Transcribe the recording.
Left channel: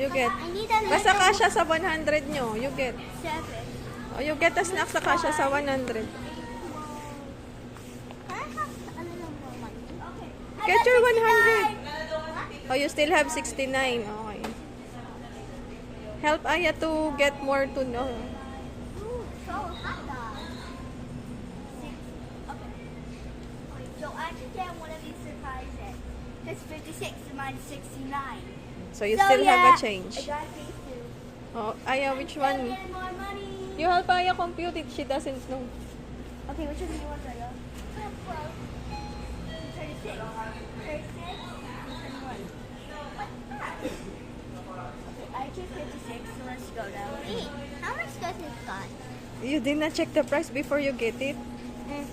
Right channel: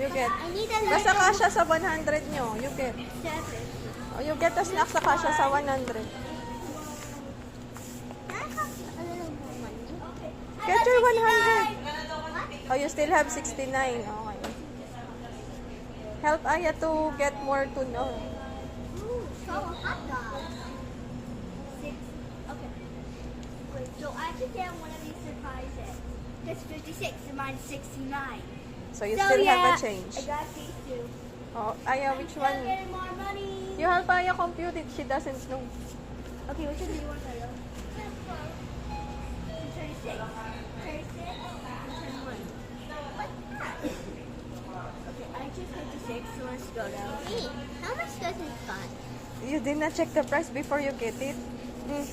You get. I need a Nasa kasya sa 100 nyo. You get. 7. You get a snack sa kasya sa 100. Can I have a little more money? Okay. Get your 100. Oh, you still have 69. Okay. Help Aya to get more to know. Ooh, so a hot dog. 6. Okay. Wait, so I should get one of these surprises. That's 56 and mine's 69. So you still have a I change. got these two. Oh, Aya, which Still one? getting more money. You help Aya compute it. She doesn't know. Okay, which one do you want to know? 36. 36 and 21. What's that? Okay, I just 56, so let's go now. Wait, how much does it cost? You did not check the price before you get it? Mm.